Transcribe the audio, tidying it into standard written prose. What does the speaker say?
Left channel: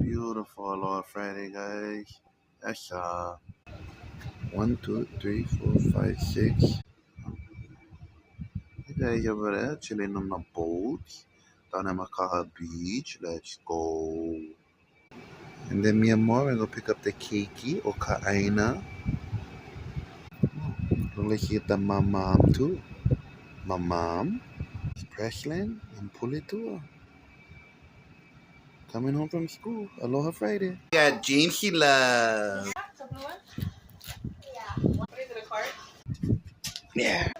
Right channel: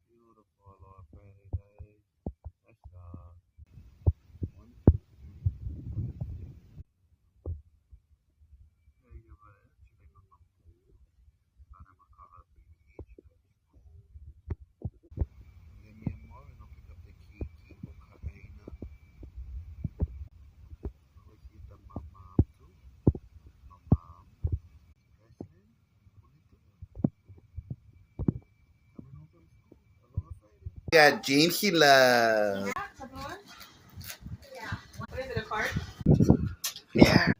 Beautiful Aloha Friday, guys. That's 1, 2, 3, 4, 5, 6. You guys over there chilling on the boat down at Makaha Beach. Let's go. And then me and more, we're gonna pick up the keiki or ka'aina. Look like you get my mom too. My mom, Preslin, and Pulitua. Coming home from school. Aloha Friday. Yeah, James he loves. Yeah. What is it, a card? Yeah.